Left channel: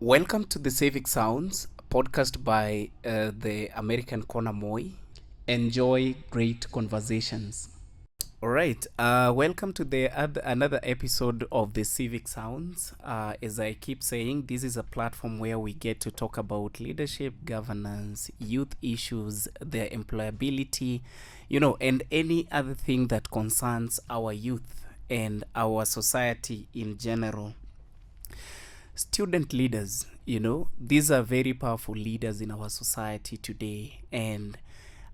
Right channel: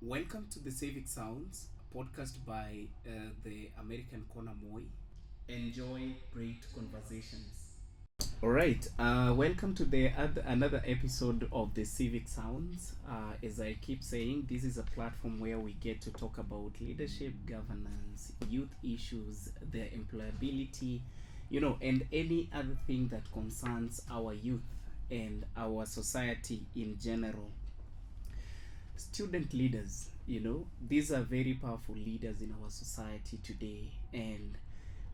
Welcome to the Civic Sounds podcast by the American Corner Moy. Enjoy great conversations. All right. Welcome to another episode of the Civic Sounds. As I keep saying, this is a platform where we get to talk about leadership, governance, youth issues, their employability, and any other thing that concerns our youth and our society in general. Student leaders, these are very powerful leaders in our society today, and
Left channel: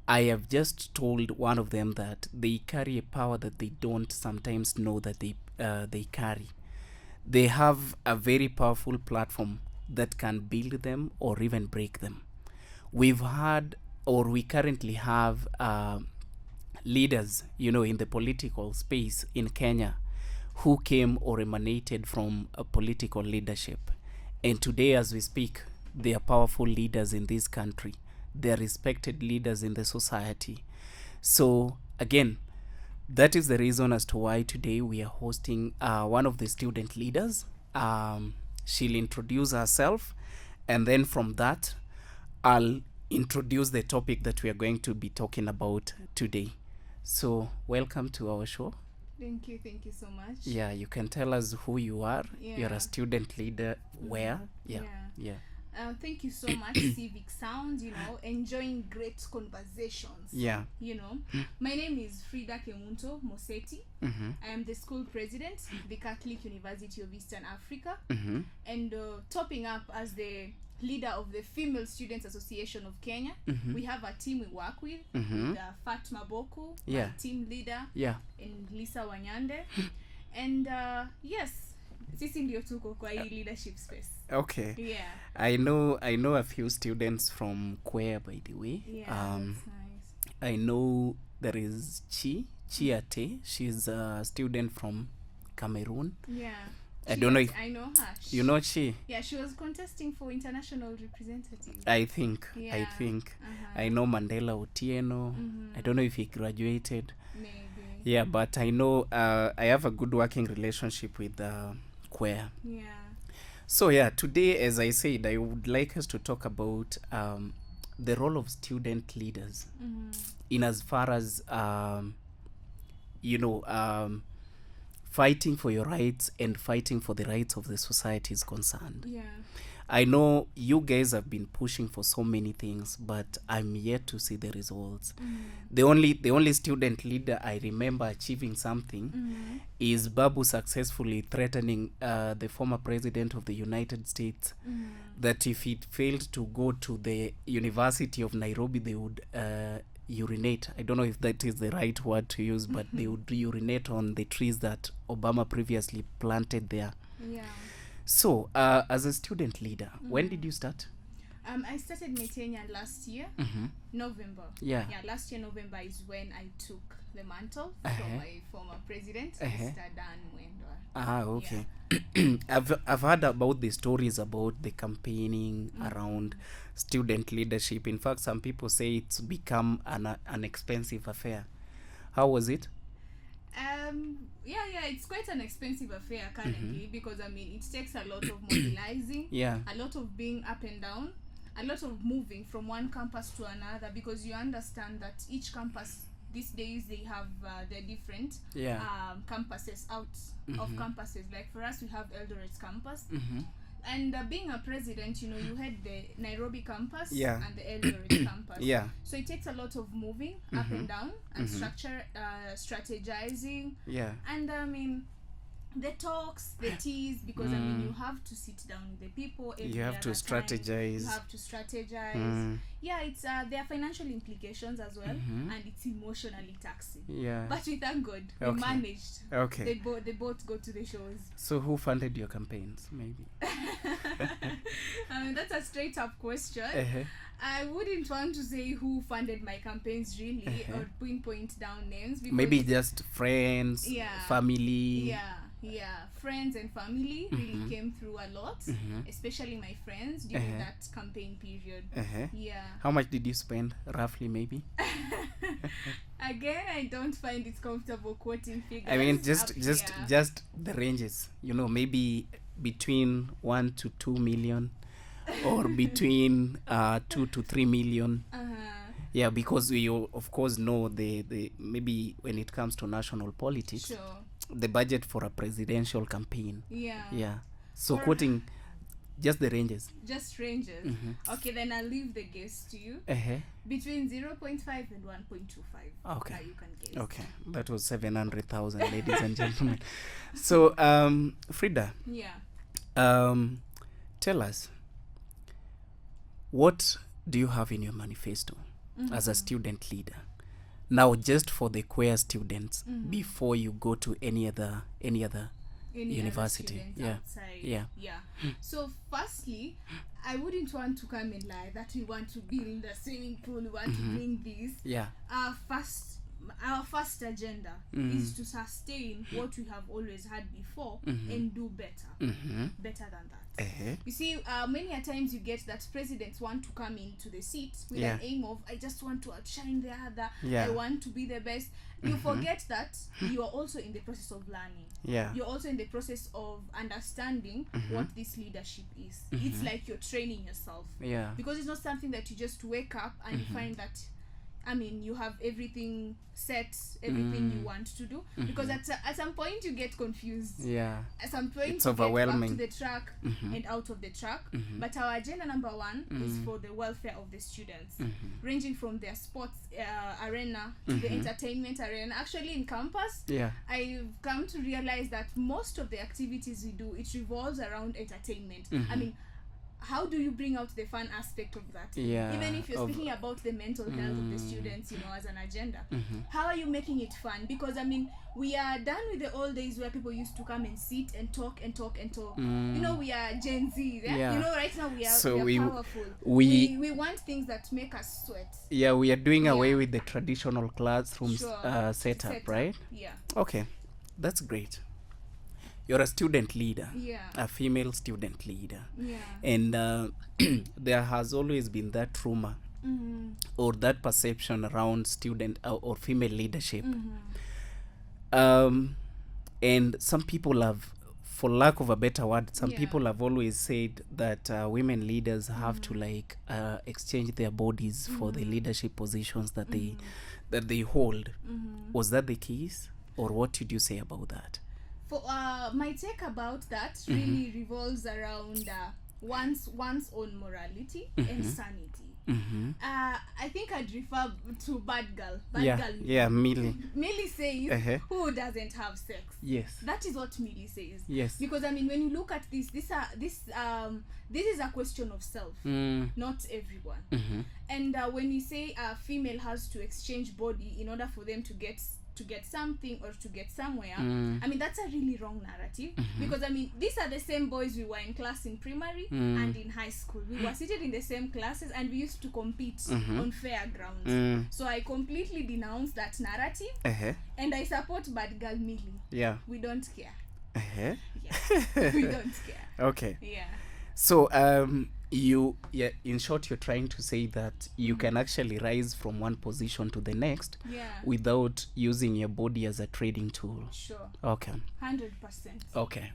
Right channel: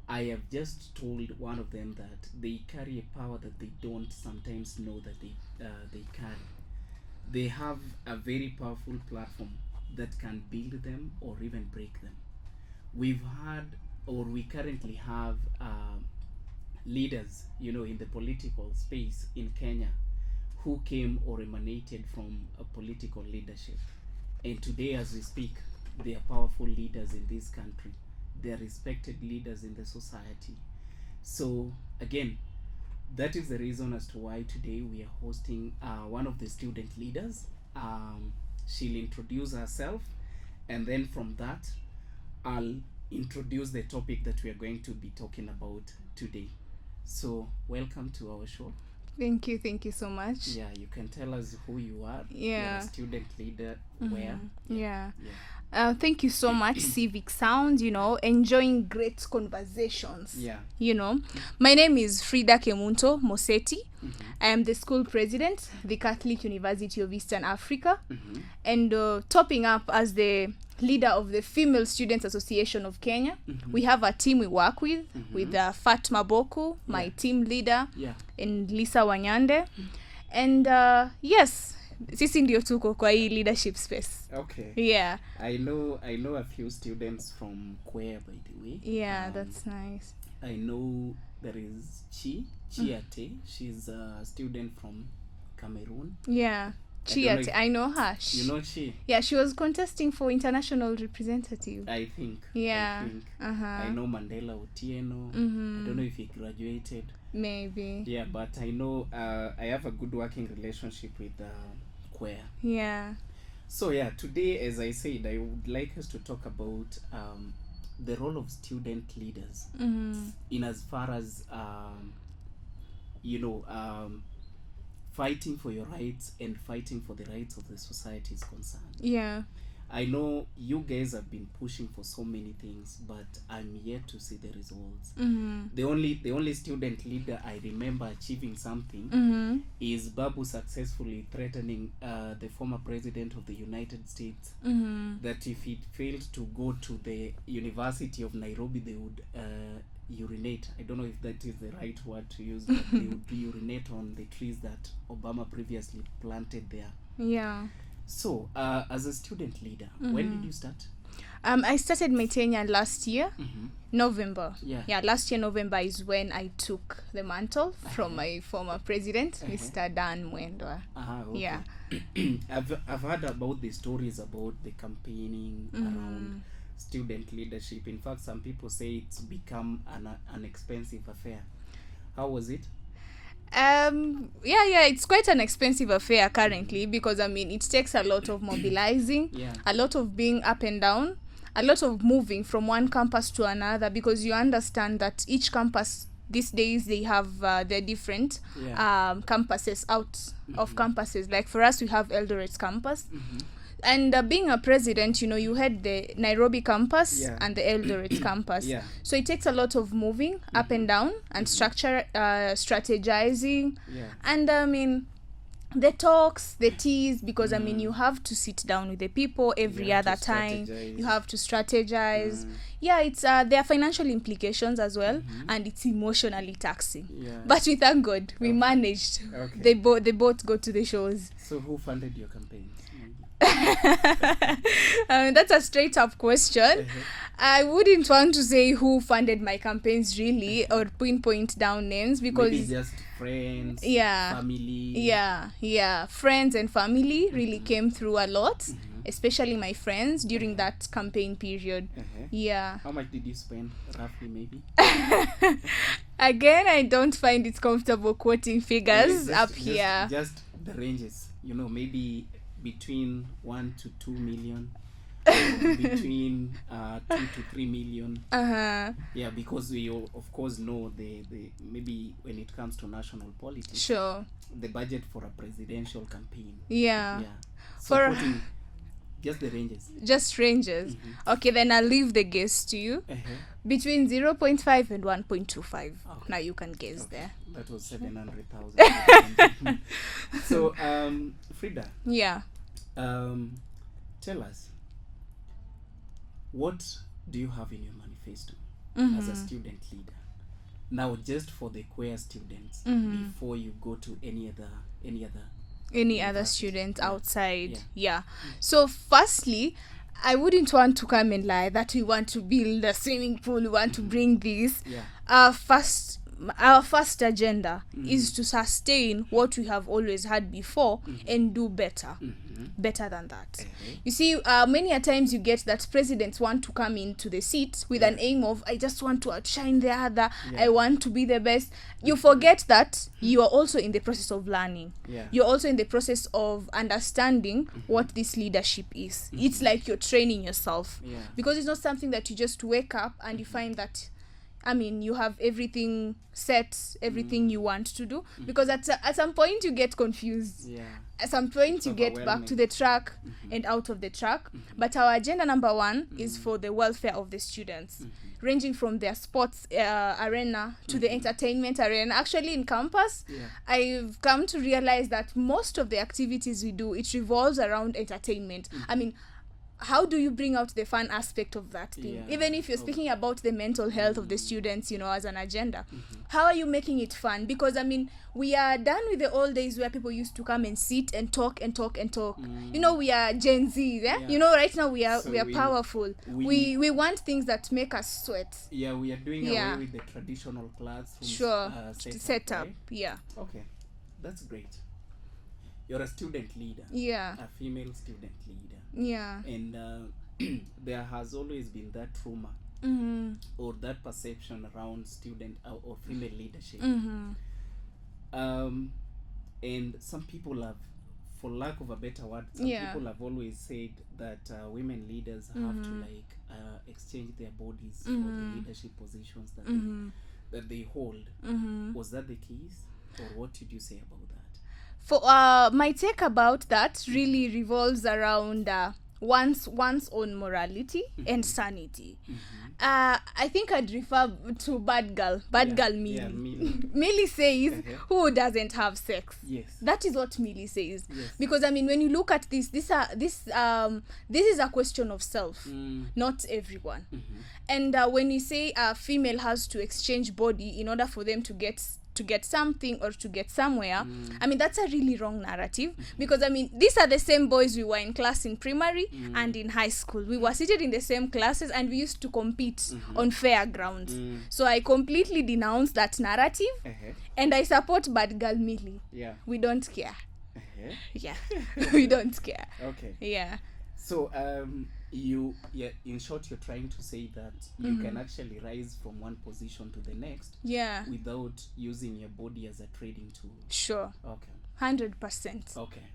I have just told one of them that they carry a power that they don't sometimes know that they carry. They have a very powerful platform that can build them or even break them. We've had, or we currently have, leaders, in the political space in Kenya who came or emanated from a political leadership. And today, as we speak, they are powerful leaders in this country. They are respected leaders in the society. So, again, that is the reason as to why today we are hosting one of the student leaders. She'll introduce herself, and then from that, I'll introduce the topic that we are going to be talking about today. So, welcome to our show. Thank you so much. Yeah, you can tell us who you are. Yeah. You're a student leader. Where? Yeah. Yeah. Thank you so much, Civic Sound, enjoying great conversations. Yeah. My name is Frida Kemunto Moseti. Mm-hmm. I am the school president, the Catholic University of Eastern Africa, Mm-hmm. and topping up as the leader of the Female Students Association of Kenya. Mm-hmm. We have a team we work with, Mhm. Fatma Boku, my Yeah. team leader, Yeah. and Lisa Wanyande. And yes, sisi ndio tuko kwa hii leadership space. Okay. Yeah. I know a few students from Kwea, by the way. That's nice. I know there is Chiate. She's a student from Cameroon. Yeah. I don't know I know her. You know Chi? Yeah, she was contesting for international representative. I think. Yeah. I know Mandela Otieno. I don't know if he graduated. Maybe. Yeah, but I know I have a good working relationship with Kwea. Yeah. So yeah, today, as I said, I would like us to talk about the role of student leaders in as far as fighting for your rights and fighting for the rights of the society is concerned. Yeah. I know you guys have been pushing for so many things, but I'm yet to see the results. The only student leader I remember achieving something is Babu successfully threatening the former president of the United States that if it failed to go to the University of Nairobi, they would urinate. I don't know if that is the right word to use, but they would urinate on the trees that Obama previously planted there. Yeah. So, as a student leader, when did you start? I started my tenure last year, November. Yeah. Last year November is when I took the mantle from my former president, Mr. Dan Mwendwa. Okay. Yeah. I've heard about the stories about the campaigning around student leadership. In fact, some people say it's become an expensive affair. How was it? It's quite an expensive affair currently because it takes a lot of mobilizing, a lot of being up and down, a lot of moving from one campus to another, because you understand that each campus these days they have their different campuses out of campuses. Like for us, we have Eldoret campus. And being a president, you had the Nairobi campus and the Eldoret campus. Yeah. So it takes a lot of moving up and down and strategizing. Yeah. And the talks, the teas, because you have to sit down with the people every other time. You have to strategize. Yeah, it's there are financial implications as well, and it's emotionally taxing. Yeah. But we thank God we managed. Okay. They both go to the shows. So who funded your campaigns? Maybe. That's a straight up question. I wouldn't want to say who funded my campaigns really, or pinpoint down names, because maybe just friends, family. Yeah, friends and family really came through a lot, especially my friends during that campaign period. Yeah. How much did you spend roughly, maybe? Again, I don't find it comfortable quoting figures just here. Just the ranges, maybe between 1 to 2 million or between 2 to 3 million. Yeah, because we of course know the maybe when it comes to national politics, Sure. the budget for a presidential campaign. Yeah. So quoting just the ranges. Just ranges. Okay, then I'll leave the guess to you. Between 0.5 and 1.25. Okay. Now you can guess there. That was 700,000, ladies and gentlemen. So, Frida. Yeah. Tell us, what do you have in your manifesto as a student leader? Now, just for the queer students, before you go to any other students outside. So firstly, I wouldn't want to come and lie that we want to build a swimming pool, we want to bring this. Our first agenda is to sustain what we have always had before and do better than that. You see, many a times you get that presidents want to come into the seat with an aim of, I just want to outshine the other, I want to be the best. You forget that you are also in the process of learning. You're also in the process of understanding what this leadership is. It's like you're training yourself, because it's not something that you just wake up and you find that you have everything set, everything you want to do, because at some point you get confused. At some point you get back to the track and out of the track. But our agenda number one is for the welfare of the students, ranging from their sports arena to the entertainment arena. Actually, in campus, I've come to realize that most of the activities we do, it revolves around entertainment. How do you bring out the fun aspect of that thing? Even if you're speaking about the mental health of the students, as an agenda, how are you making it fun? Because we are done with the old days where people used to come and sit and talk. We are Gen Z, right now we are powerful. We want things that make us sweat. We are doing away with the traditional classroom setup, right? Okay, that's great. You're a student leader, a female student leader, and there has always been that rumor or that perception around student or female leadership, and some people have, for lack of a better word, people have always said that women leaders have to exchange their bodies for the leadership positions that they hold. Was that the case, or what did you say about that? For my take about that really revolves around one's own morality and sanity. I think I'd refer to bad girl Millie. Millie. Millie says, who doesn't have sex? That is what Millie says. Because when you look at this is a question of self, not everyone. And when you say a female has to exchange body in order for them to get something or to get somewhere, that's a really wrong narrative. Because these are the same boys we were in class in primary and in high school. We were seated in the same classes and we used to compete on fair grounds. So I completely denounce that narrative, and I support bad girl Millie. We don't care. We don't care. Okay. So in short, you're trying to say that you can actually rise from one position to the next without using your body as a trading tool. Sure. Okay. 100%. Okay.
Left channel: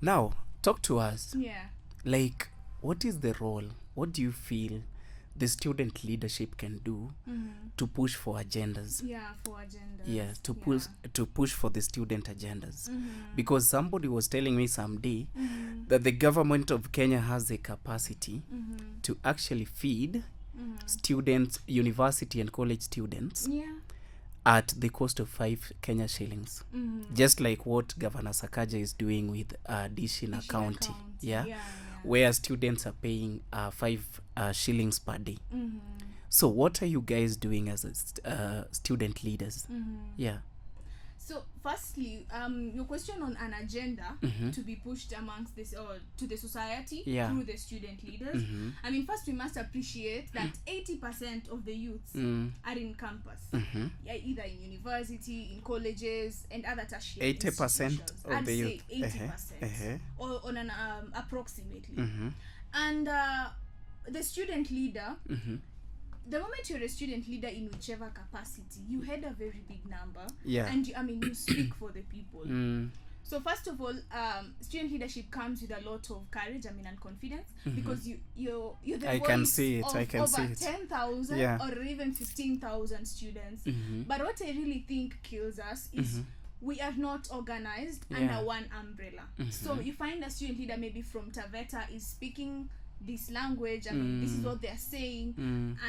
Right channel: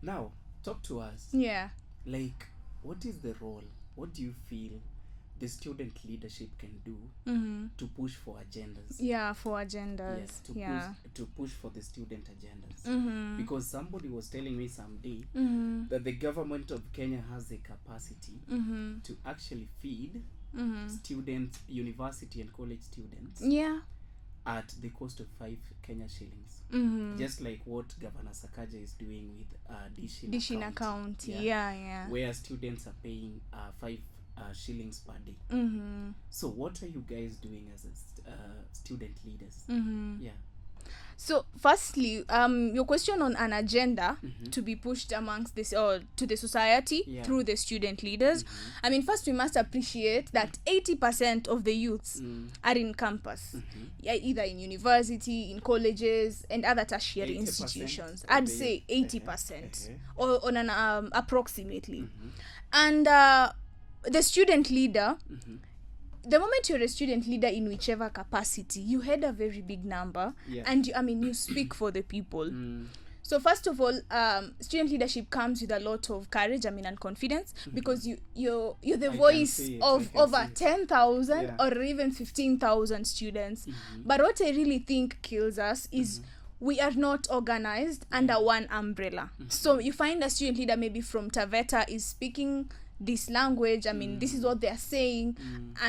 Now, talk to us. Like, what is the role? What do you feel the student leadership can do to push for agendas? For agendas. To push for the student agendas. Because somebody was telling me someday that the government of Kenya has the capacity to actually feed students, university and college students, at the cost of 5 Kenya shillings. Just like what Governor Sakaja is doing with Dishina County. Where students are paying 5 shillings per day. So what are you guys doing as student leaders? So firstly, your question on an agenda to be pushed amongst this or to the society through the student leaders. First we must appreciate that 80% of the youths are in campus, either in university, in colleges and other tertiary institutions. I'd say 80% or on an approximately. And the student leader, the moment you're a student leader in whichever capacity, you had a very big number, and you speak for the people. So first of all, student leadership comes with a lot of courage, and confidence, because you're the voice of over 10,000 or even 15,000 students. But what I really think kills us is we are not organized under one umbrella. So you find a student leader maybe from Taveta is speaking this language. This is what they're saying.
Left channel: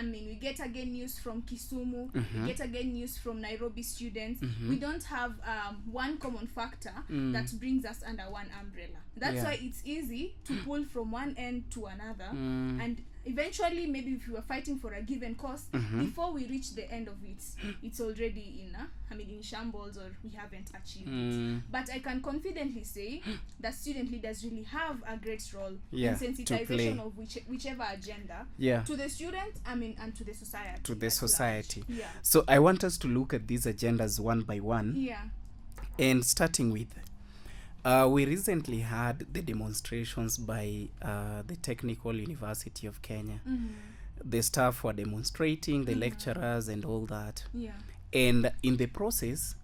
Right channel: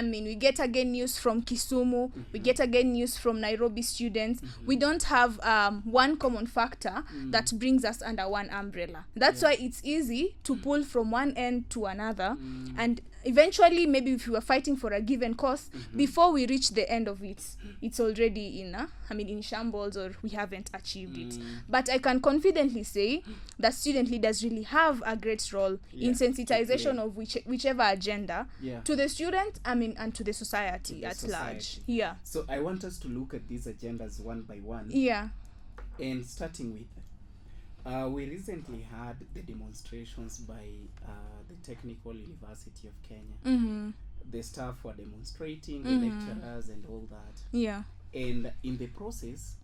We get again news from Kisumu. We get again news from Nairobi students. We don't have one common factor that brings us under one umbrella. That's why it's easy to pull from one end to another, and eventually, maybe if we were fighting for a given cause, before we reach the end of it, it's already in shambles, or we haven't achieved it. But I can confidently say that student leaders really have a great role in sensitization of whichever agenda to the student, and to the society. Large. Yeah. So I want us to look at these agendas one by one. Yeah. And starting with, we recently had the demonstrations by the Technical University of Kenya. The staff were demonstrating, the lecturers and all that. Yeah. And in the process,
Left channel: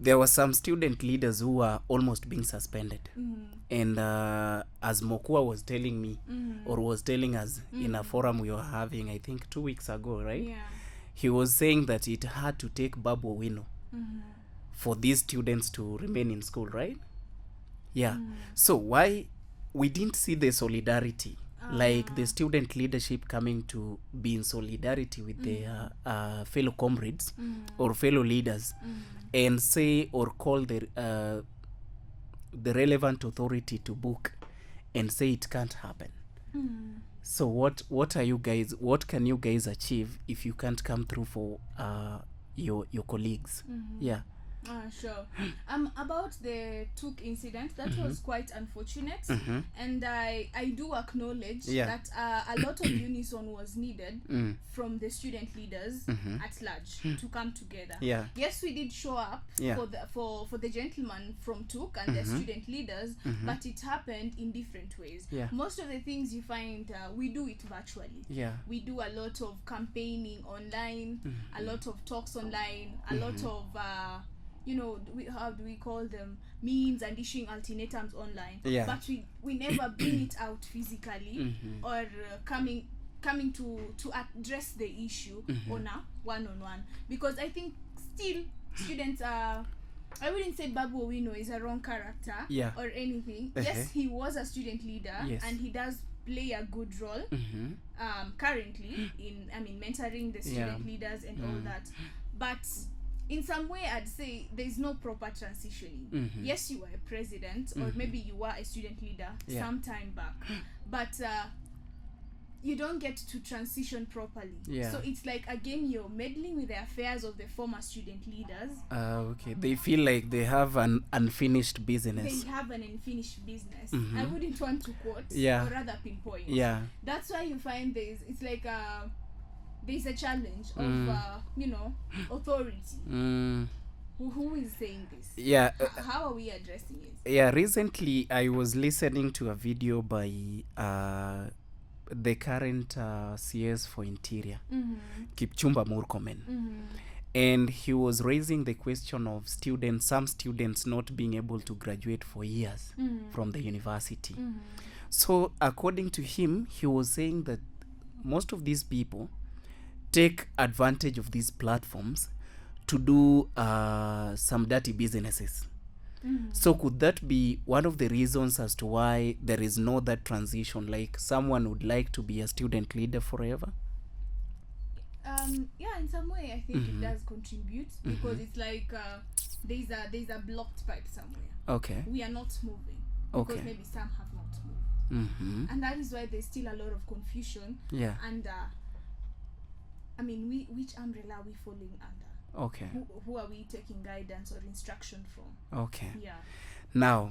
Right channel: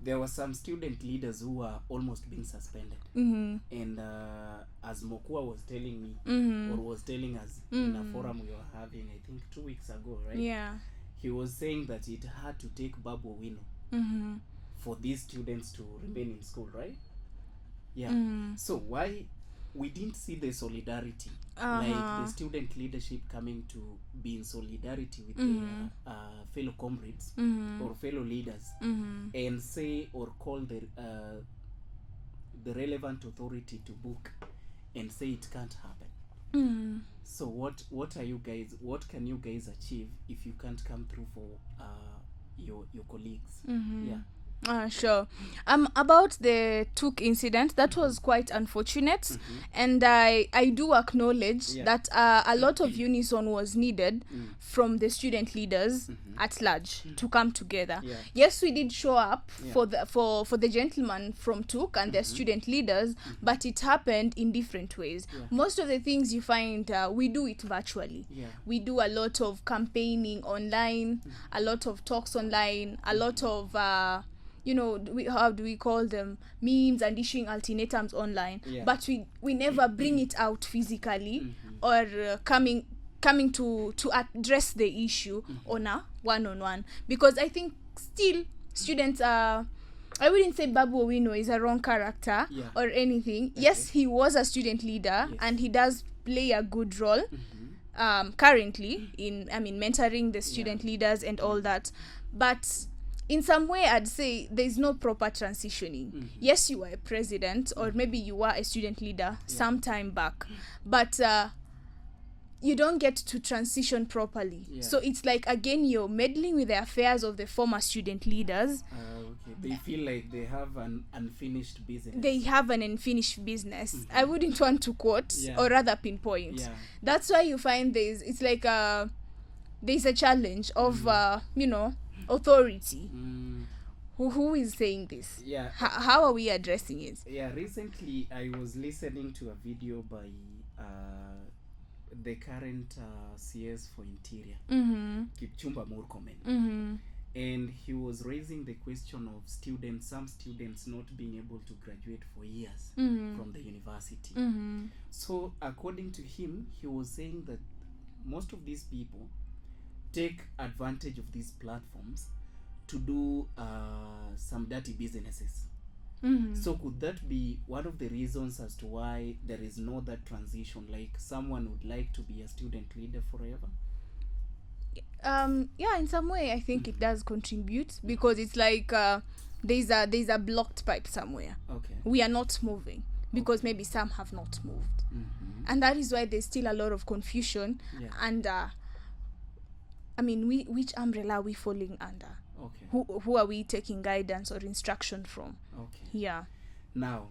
there were some student leaders who were almost being suspended. And as Mokua was telling me, or was telling us in a forum we were having, I think 2 weeks ago, right? Yeah. He was saying that it had to take Babu Wino for these students to remain in school, right? Yeah. So why we didn't see the solidarity, like the student leadership coming to be in solidarity with their fellow comrades or fellow leaders, and say or call the relevant authority to book and say it can't happen. So what are you guys? What can you guys achieve if you can't come through for your colleagues? Yeah. Sure. About the Tuk incident, that was quite unfortunate, and I do acknowledge that a lot of unison was needed from the student leaders at large to come together. Yes, we did show up for the gentlemen from Tuk and their student leaders, but it happened in different ways. Most of the things you find, we do it virtually. We do a lot of campaigning online, a lot of talks online, a lot of how do we call them, memes, and issuing ultimatums online, but we never bring it out physically or coming to address the issue on a one-on-one, because I think still students are, I wouldn't say Babu Owino is a wrong character or anything. Yes, he was a student leader and he does play a good role currently in mentoring the student leaders and all that, but in some way I'd say there's no proper transitioning. Yes, you were a president, or maybe you were a student leader some time back, but you don't get to transition properly. So it's like, again, you're meddling with the affairs of the former student leaders. Okay, they feel like they have an unfinished business. I wouldn't want to quote or rather pinpoint. That's why you find there's like there's a challenge of authority. Who is saying this? How are we addressing it? Recently I was listening to a video by the current CS for Interior, Kipchumba Murkomen, and he was raising the question of some students not being able to graduate for years from the university. So according to him, he was saying that most of these people take advantage of these platforms to do some dirty businesses. So could that be one of the reasons as to why there is no that transition, like someone would like to be a student leader forever? In some way I think it does contribute, because it's like there's a blocked pipe somewhere. We are not moving because maybe some have not moved, and that is why there's still a lot of confusion. And which umbrella are we falling under? Who are we taking guidance or instruction from? Now,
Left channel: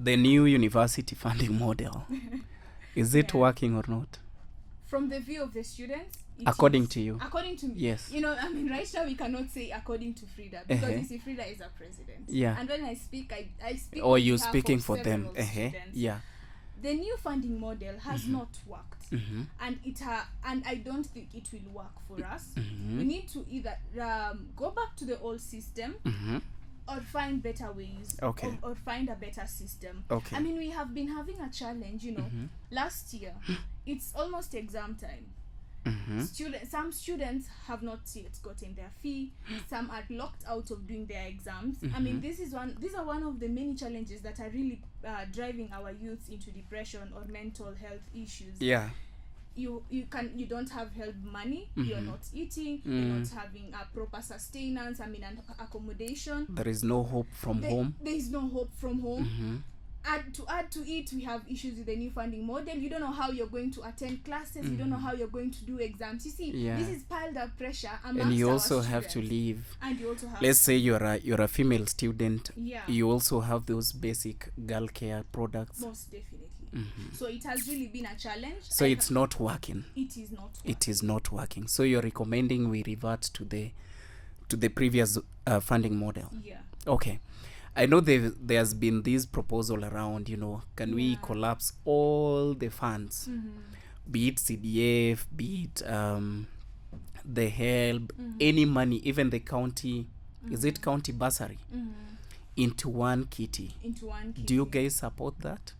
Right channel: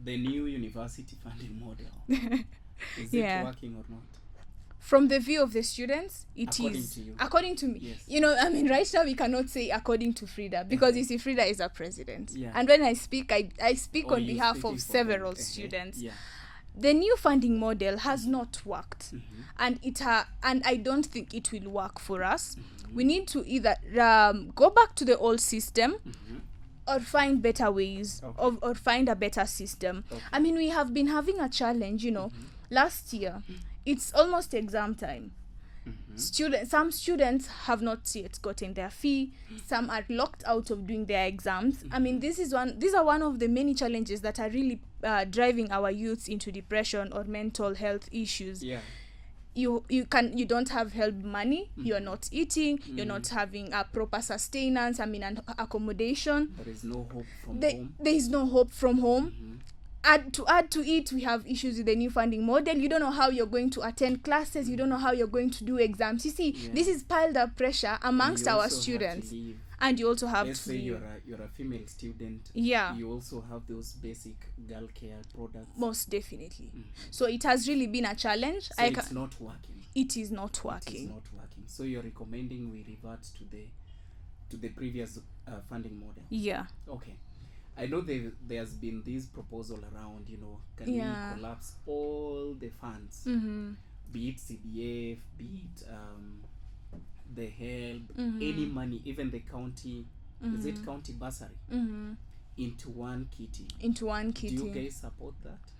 the new university funding model, is it working or not? From the view of the students, according to you? According to me, yes. Right now we cannot say according to Frida, because you see, Frida is a president. And when I speak, I speak on behalf of several students. The new funding model has not worked, and and I don't think it will work for us. We need to either go back to the old system, or find better ways, or find a better system. I mean, we have been having a challenge, last year. It's almost exam time. Some students have not yet gotten their fee. Some are locked out of doing their exams. I mean, these are one of the many challenges that are really driving our youths into depression or mental health issues. You don't have help money. You're not eating. You're not having a proper sustenance. I mean, and accommodation. There is no hope from home. There is no hope from home. Add to it, we have issues with the new funding model. You don't know how you're going to attend classes. You don't know how you're going to do exams. You see, this is piled up pressure amongst our students. And you also have to leave. And you also have, let's say you're a female student. You also have those basic girl care products. Most definitely. So it has really been a challenge. So it's not working. It is not working. It is not working. So you're recommending we revert to the previous funding model. Okay. I know there's been this proposal around, can we collapse all the funds, be it CDF, be it the help, any money, even the county, is it county bursary, into one kitty? Do you guys support that?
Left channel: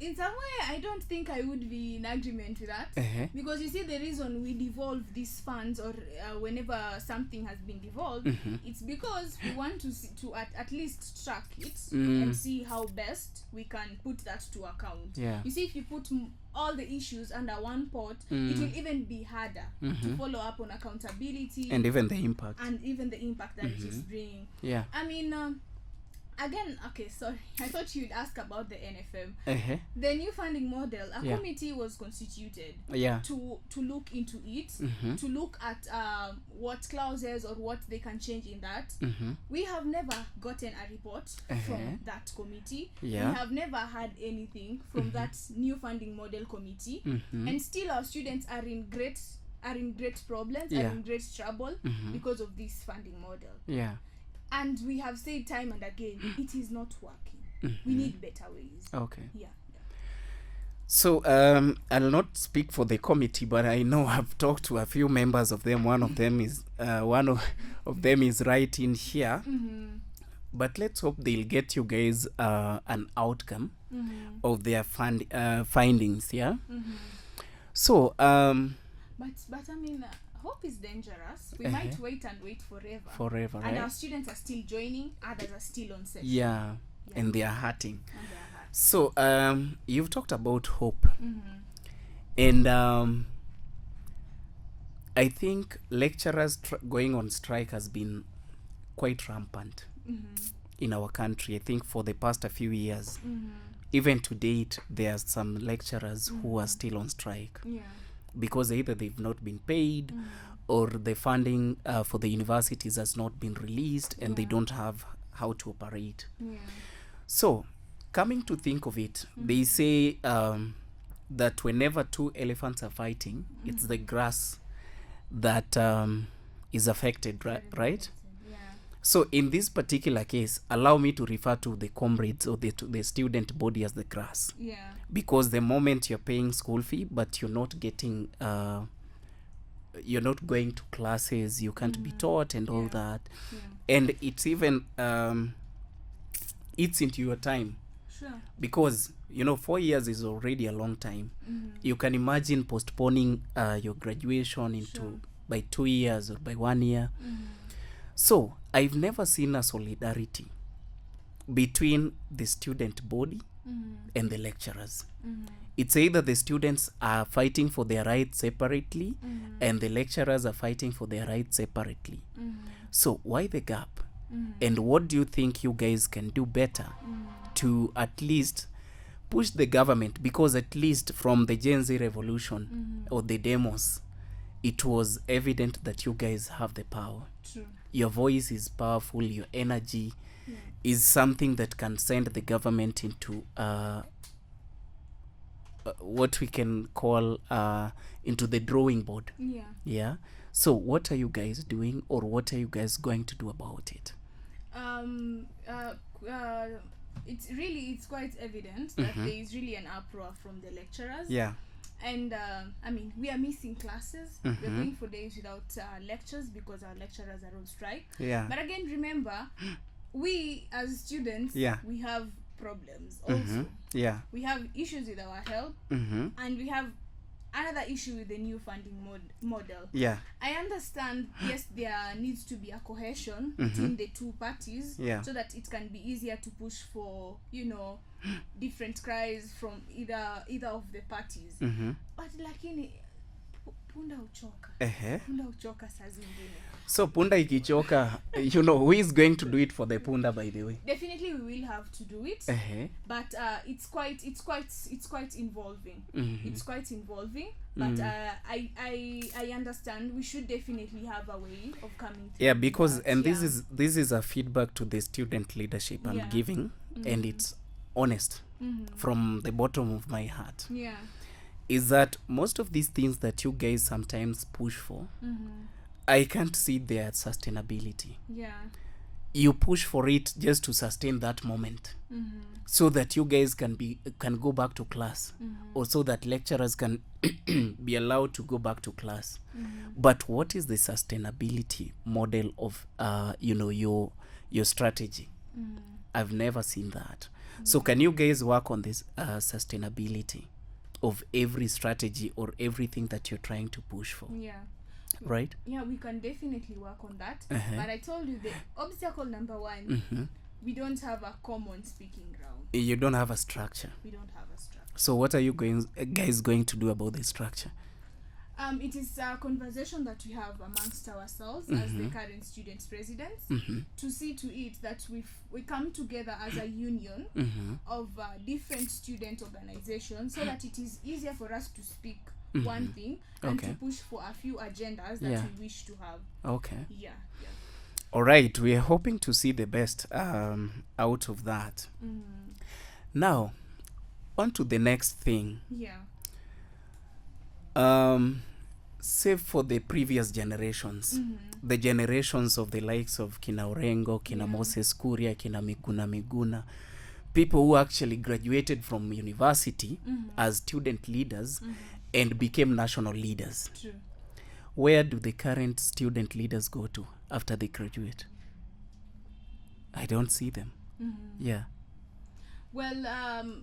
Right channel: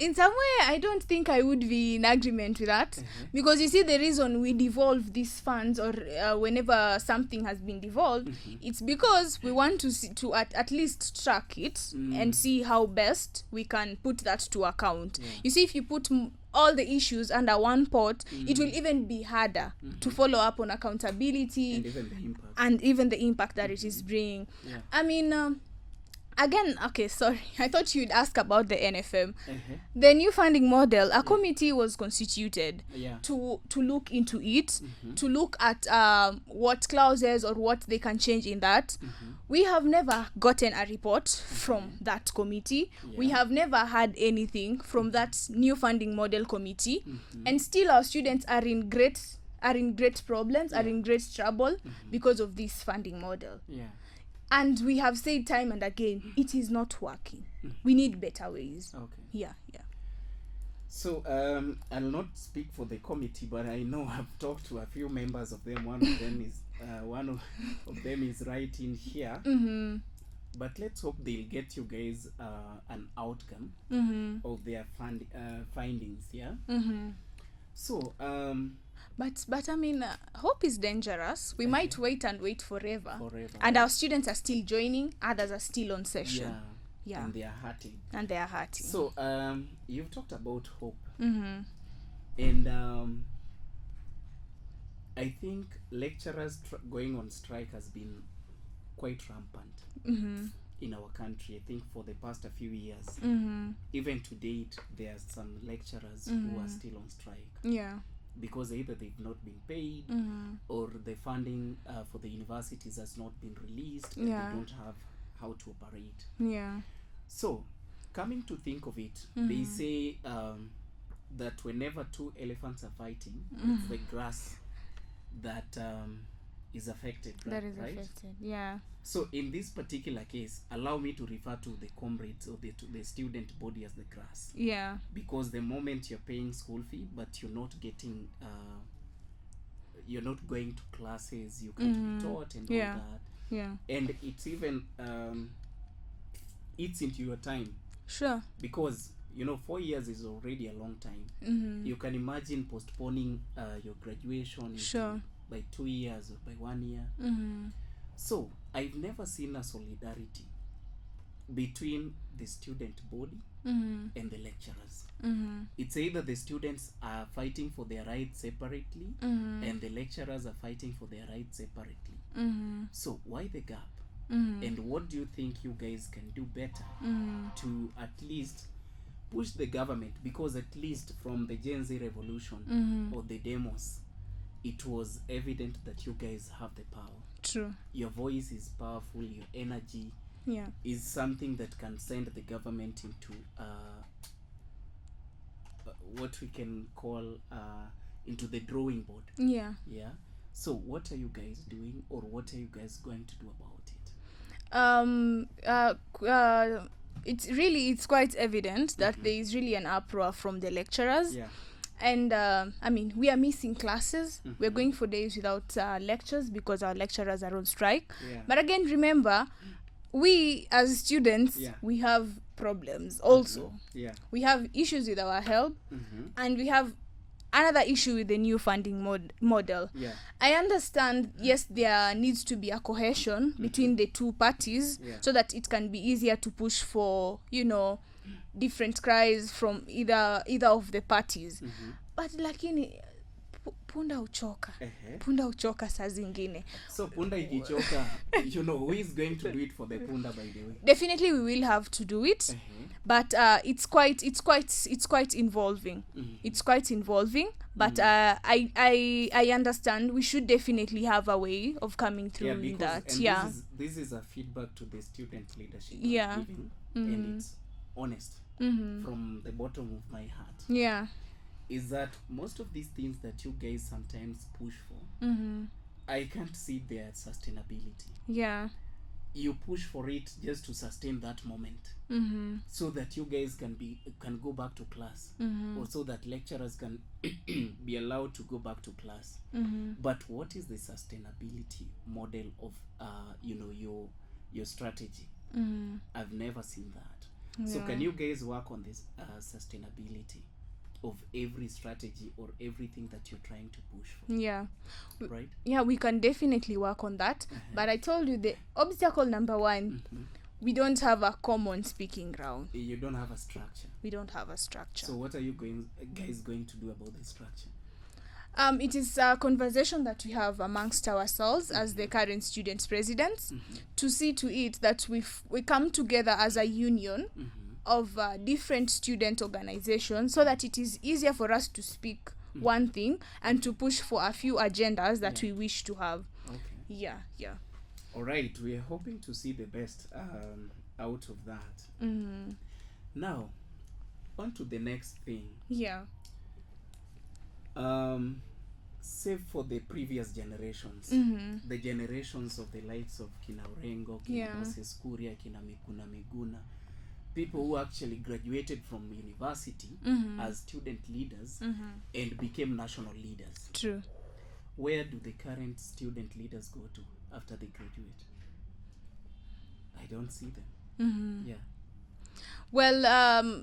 In some way, I don't think I would be in agreement with that, because you see, the reason we devolve these funds, or whenever something has been devolved, it's because we want to at least track it and see how best we can put that to account. You see, if you put all the issues under one pot, it will even be harder to follow up on accountability and even the impact that it is bringing. I mean, again, okay, sorry, I thought you'd ask about the NFM. The new funding model, a committee was constituted to look into it, to look at what clauses or what they can change in that. We have never gotten a report from that committee. We have never had anything from that new funding model committee, and still our students are in great problems, are in great trouble because of this funding model. And we have said time and again, it is not working. We need better ways. So I'll not speak for the committee, but I know I've talked to a few members of them. One of them is right in here. But let's hope they'll get you guys an outcome of their findings. So But I mean, hope is dangerous. We might wait forever. And our students are still joining. Others are still on session. And they are hurting. So you've talked about hope. And I think lecturers going on strike has been quite rampant in our country. I think for the past a few years, even to date, there are some lecturers who are still on strike. Because either they've not been paid, or the funding for the universities has not been released, and they don't have how to operate. So, coming to think of it, they say that whenever two elephants are fighting, it's the grass that is affected, right? So, in this particular case, allow me to refer to the comrades or the student body as the grass. Because the moment you're paying school fee, but you're not getting, you're not going to classes, you can't be taught and all that. And it's even, it's into your time. Because, 4 years is already a long time. You can imagine postponing your graduation into by 2 years or by 1 year. So, I've never seen a solidarity between the student body and the lecturers. It's either the students are fighting for their rights separately and the lecturers are fighting for their rights separately. So, why the gap? And what do you think you guys can do better to at least push the government? Because at least from the Gen Z revolution or the demos, it was evident that you guys have the power. Your voice is powerful. Your energy is something that can send the government into what we can call into the drawing board. So what are you guys doing, or what are you guys going to do about it? It's quite evident that there is really an uproar from the lecturers. And I mean, we are missing classes. We're going for days without lectures because our lecturers are on strike. But again, remember, we as students, we have problems also. We have issues with our health, and we have another issue with the new funding model. I understand, yes, there needs to be a cohesion between the two parties, so that it can be easier to push for, you know, different cries from either of the parties. But lakini punda uchoka saa zingine. So punda ikichoka, you know, who is going to do it for the punda, by the way? Definitely we will have to do it. But it's quite involving. It's quite involving. But I understand we should definitely have a way of coming to because that. And this is a feedback to the student leadership I'm giving, and it's honest from the bottom of my heart. Is that most of these things that you guys sometimes push for, I can't see their sustainability. You push for it just to sustain that moment, so that you guys can go back to class, or so that lecturers can be allowed to go back to class. But what is the sustainability model of you know, your strategy? I've never seen that. So can you guys work on this sustainability of every strategy or everything that you're trying to push for? Right? We can definitely work on that. But I told you the obstacle number one, we don't have a common speaking ground. You don't have a structure. We don't have a structure. So what are you guys going to do about the structure? It is a conversation that we have amongst ourselves as the current student presidents, to see to it that we come together as a union of different student organizations, so that it is easier for us to speak one thing and to push for a few agendas that we wish to have. All right, we are hoping to see the best out of that. Now, on to the next thing. Save for the previous generations, the generations of the likes of Kina Orengo, Kina Moses Kuria, Kina Miguna, people who actually graduated from university as student leaders and became national leaders. True. Where do the current student leaders go to after they graduate? I don't see them. Well,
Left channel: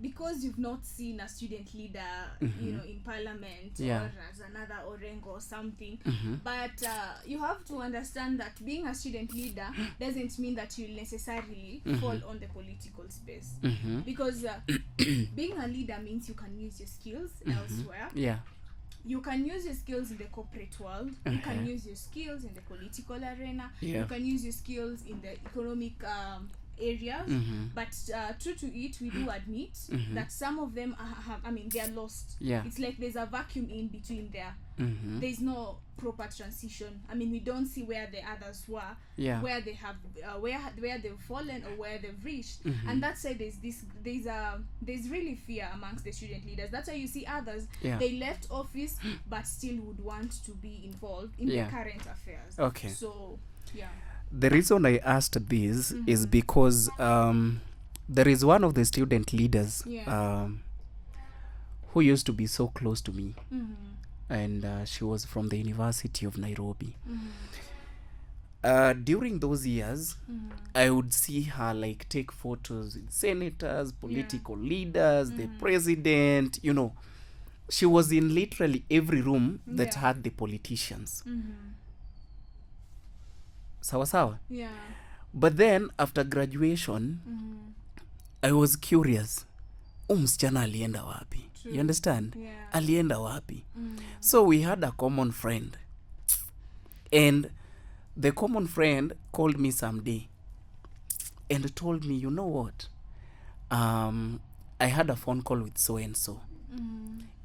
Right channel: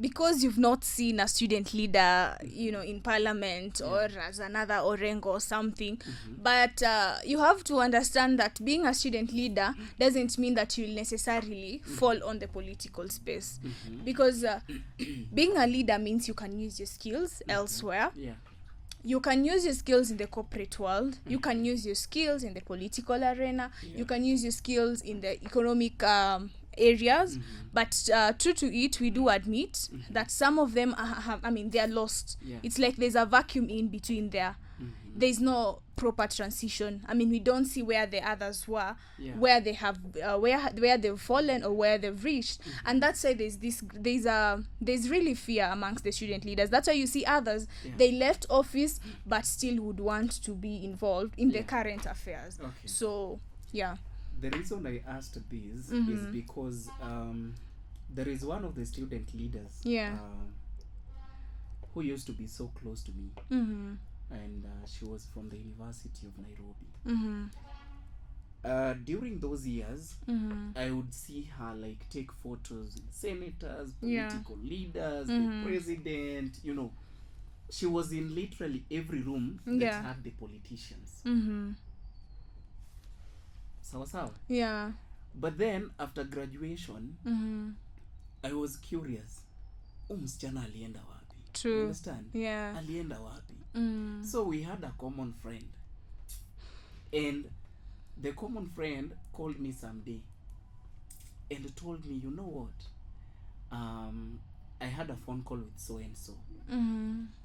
because you've not seen a student leader, you know, in parliament or as another Orengo or something, but you have to understand that being a student leader doesn't mean that you'll necessarily fall on the political space, because being a leader means you can use your skills elsewhere. You can use your skills in the corporate world. You can use your skills in the political arena. You can use your skills in the economic areas, but true to it, we do admit that some of them I mean, they are lost. It's like there's a vacuum in between there. There's no proper transition. I mean, we don't see where the others were, where they have where they've fallen or where they've reached. And that's why there's really fear amongst the student leaders. That's why you see others, they left office but still would want to be involved in the current affairs. So the reason I asked this is because there is one of the student leaders who used to be so close to me, and she was from the University of Nairobi. During those years, I would see her like take photos with senators, political leaders, the president, you know. She was in literally every room that had the politicians. Sawa. But then after graduation, I was curious, msichana alienda wapi? True. You understand? Alienda wapi? So we had a common friend, and the common friend called me someday and told me, you know what, I had a phone call with so and so,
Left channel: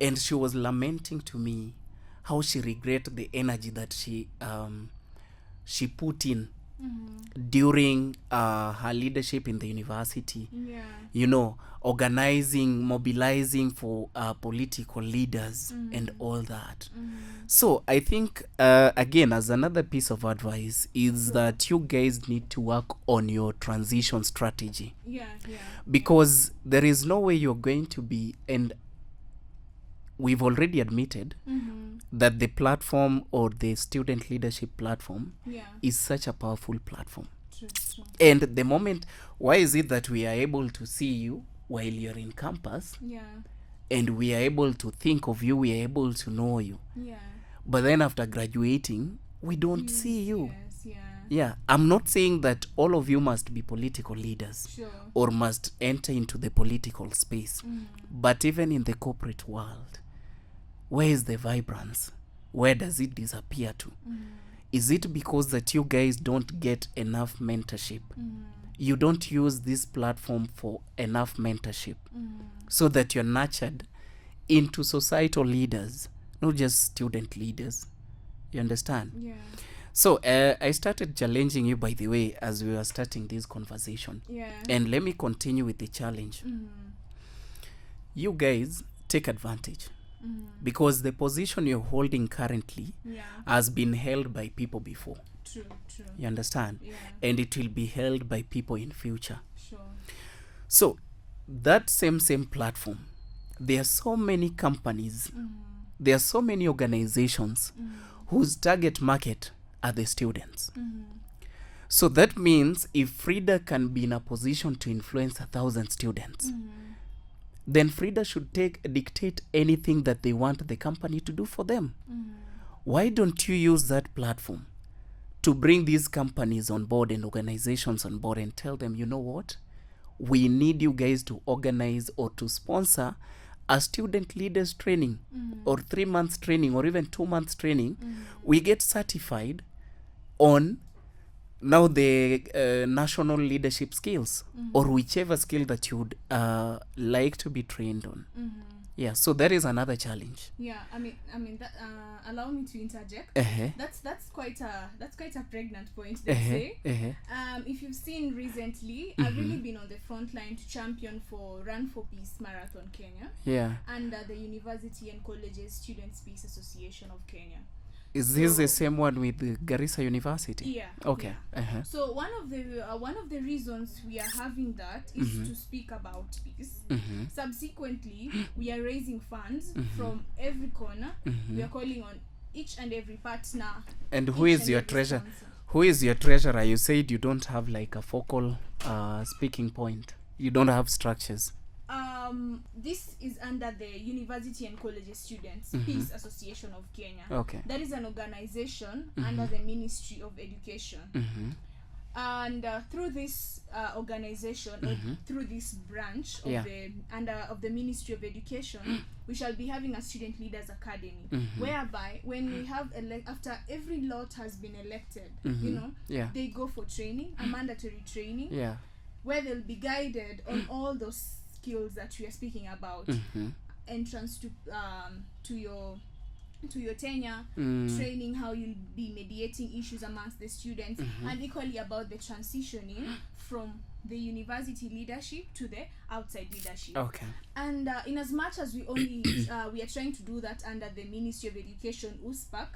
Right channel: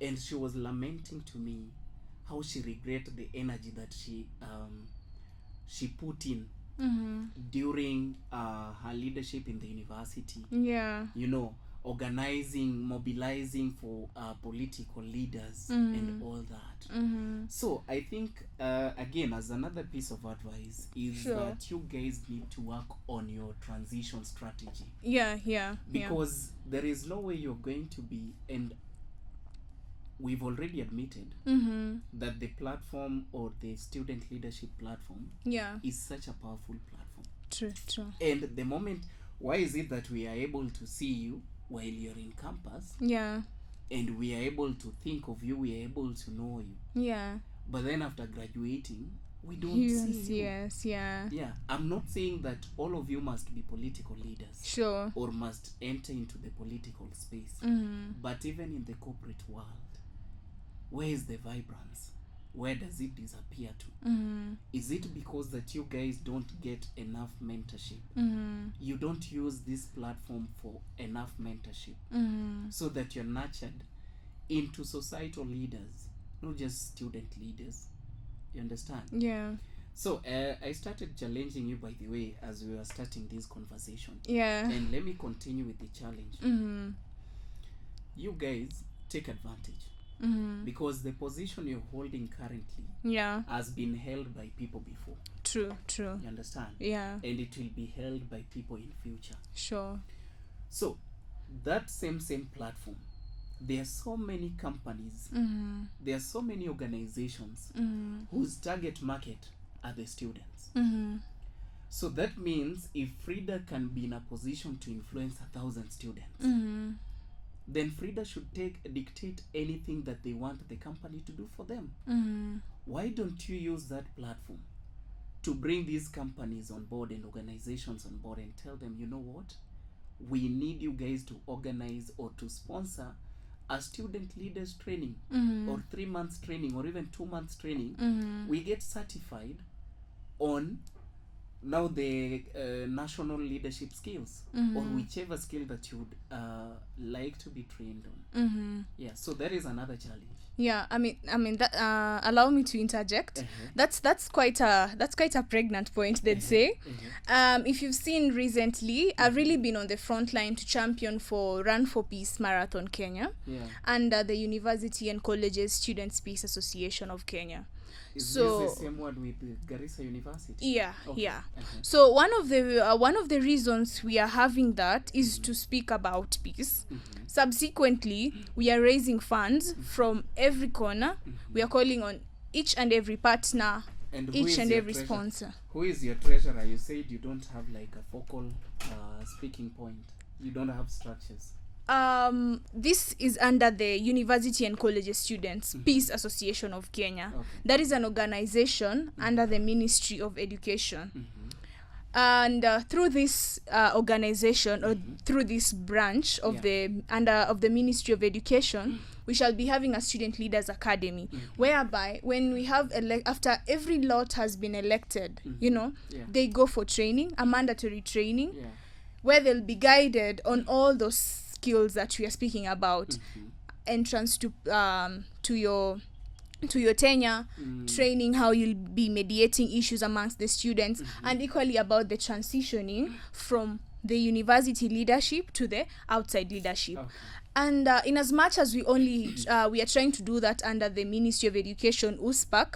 and she was lamenting to me how she regretted the energy that she put in during her leadership in the university. You know, organizing, mobilizing for political leaders and all that. So I think again, as another piece of advice is that you guys need to work on your transition strategy. Because there is no way you're going to be, and we've already admitted that the platform or the student leadership platform is such a powerful platform. True. And the moment, why is it that we are able to see you while you're in campus? Yeah. And we are able to think of you, we are able to know you. Yeah. But then after graduating, we don't see you. Yes, Yeah. I'm not saying that all of you must be political leaders. Sure. Or must enter into the political space. But even in the corporate world, where is the vibrance? Where does it disappear to? Is it because that you guys don't get enough mentorship? You don't use this platform for enough mentorship so that you're nurtured into societal leaders, not just student leaders. You understand? Yeah. So I started challenging you, by the way, as we were starting this conversation. Yeah. And let me continue with the challenge. You guys take advantage. Because the position you're holding currently has been held by people before. True. You understand? Yeah. And it will be held by people in future. Sure. So that same platform, there are so many companies, there are so many organizations whose target market are the students. So that means if Frida can be in a position to influence 1,000 students, then Frida should dictate anything that they want the company to do for them. Why don't you use that platform to bring these companies on board and organizations on board and tell them, you know what? We need you guys to organize or to sponsor a student leaders training or 3 months training or even 2 months training. We get certified on now the national leadership skills or whichever skill that you would like to be trained on. Yeah, so that is another challenge. Yeah, I mean that allow me to interject. That's quite a pregnant point, let's say. If you've seen recently, I've really been on the front line to champion for Run for Peace Marathon Kenya. Yeah. Under the University and Colleges Students Peace Association of Kenya. Is this the same one with the Garissa University? Yeah. Okay. Yeah. So one of the reasons we are having that is to speak about peace. Subsequently, we are raising funds from every corner. We are calling on each and every partner. And who is your treasurer? Who is your treasurer? You said you don't have like a focal speaking point. You don't have structures. This is under the University and Colleges Students Peace Association of Kenya. Okay. That is an organization under the Ministry of Education. And through this organization or through this branch of the Ministry of Education, we shall be having a student leaders academy, whereby when we have after every lot has been elected, they go for training, a mandatory training, where they'll be guided on all those skills that we are speaking about. Entrance to your tenure, training how you'll be mediating issues amongst the students, and equally about the transitioning from the university leadership to the outside leadership. And in as much as we only we are trying to do that under the Ministry of Education, USPAC,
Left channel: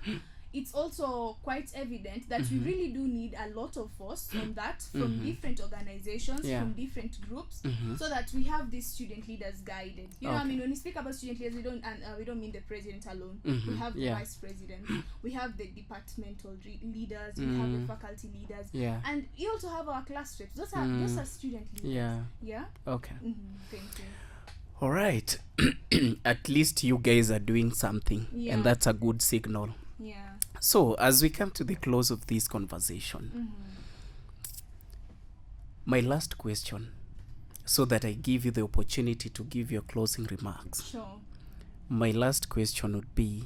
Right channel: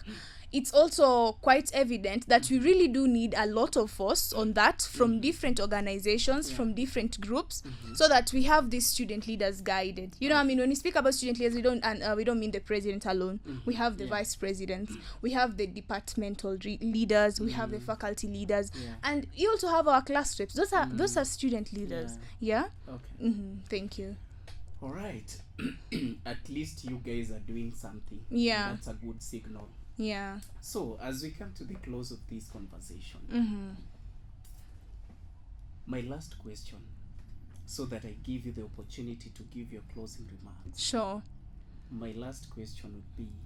it's also quite evident that we really do need a lot of force on that from different organizations, from different groups, so that we have these student leaders guided. You know, I mean, when we speak about student leaders, we don't mean the president alone. We have the vice presidents, we have the departmental leaders, we have the faculty leaders, and you also have our class reps. Those are student leaders. Okay. Thank you. All right. At least you guys are doing something, and that's a good signal. Yeah. So, as we come to the close of this conversation, my last question, so that I give you the opportunity to give your closing remarks. Sure. My last question would be,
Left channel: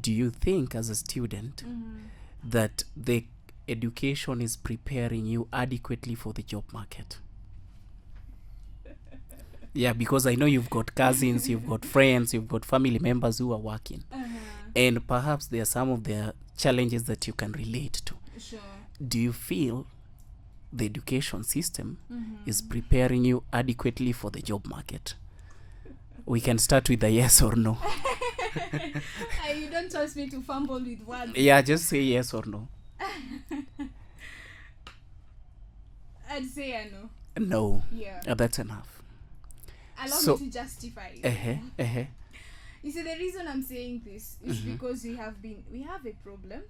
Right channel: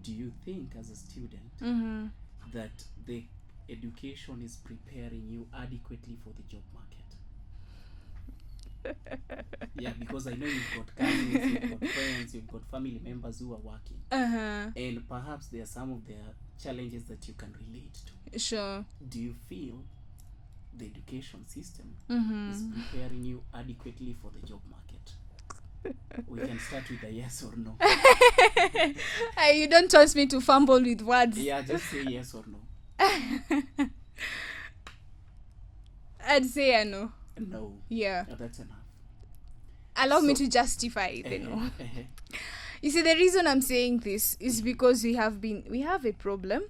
do you think as a student that the education is preparing you adequately for the job market? Yeah, because I know you've got cousins, you've got friends, you've got family members who are working. And perhaps there are some of their challenges that you can relate to. Sure. Do you feel the education system is preparing you adequately for the job market? We can start with a yes or no. You don't trust me to fumble with words. Yeah, just say yes or no. I'd say a no. No. Yeah. That's enough. allow me to justify. You see, the reason I'm saying this is because we have a problem.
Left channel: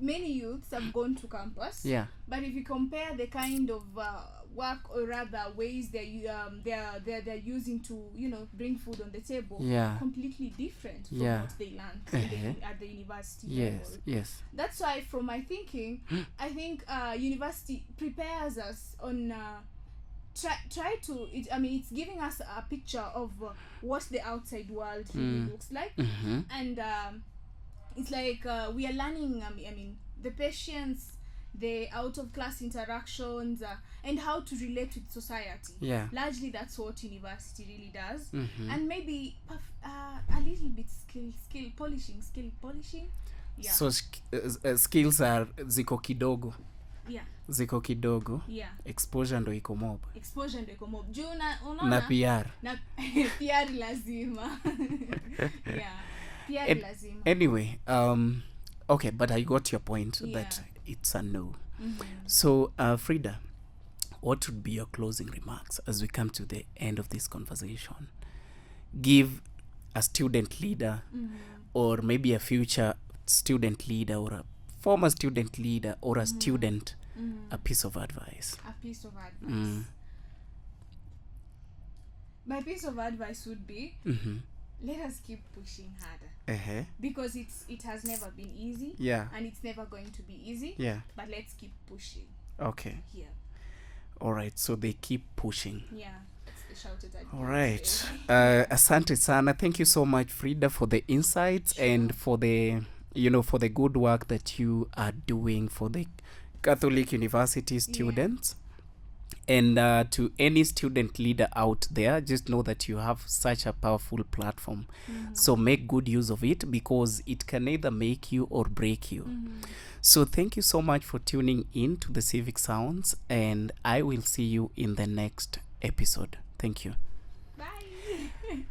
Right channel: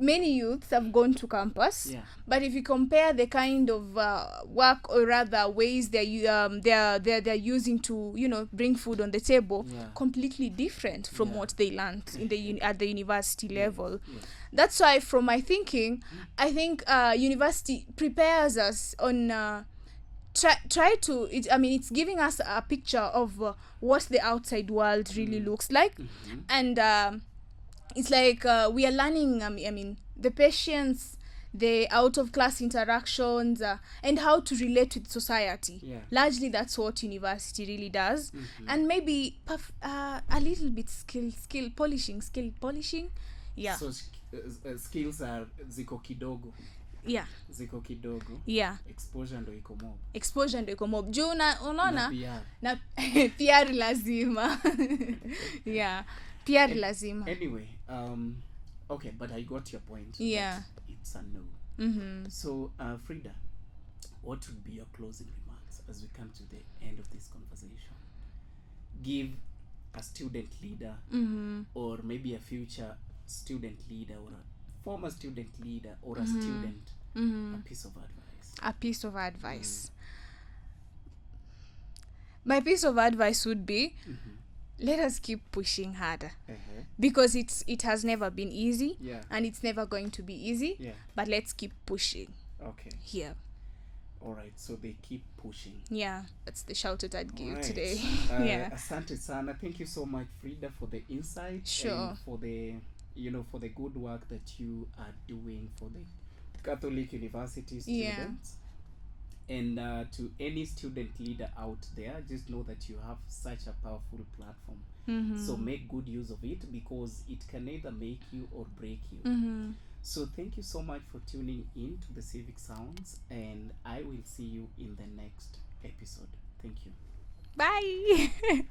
Many youths have gone to campus, but if you compare the kind of work, or rather ways they're using to bring food on the table, completely different from what they learned at the university level. That's why, from my thinking, I think university prepares us on it's giving us a picture of what the outside world really looks like, and it's like we are learning the patience, the out of class interactions, and how to relate with society. Largely that's what university really does. And maybe a little bit skill polishing. So skills are ziko kidogo. Exposure ndo iko mob juu unaona na PR na PR lazima. PR lazima. Anyway, okay, but I got your point that it's a no. So Frida, what would be your closing remarks as we come to the end of this conversation? Give a student leader, or maybe a future student leader, or a former student leader, or a student, a piece of advice. My piece of advice would be, let us keep pushing harder, because it has never been easy, and it's never going to be easy, but let's keep pushing. All right, so they keep pushing. That's the shout that I'd give today. Asante sana. Thank you so much, Frida, for the insights and for the for the good work that you are doing for the Catholic University students. And to any student leader out there, just know that you have such a powerful platform. So make good use of it, because it can either make you or break you. So thank you so much for tuning in to the Civic Sounds, and I will see you in the next episode. Thank you. Bye.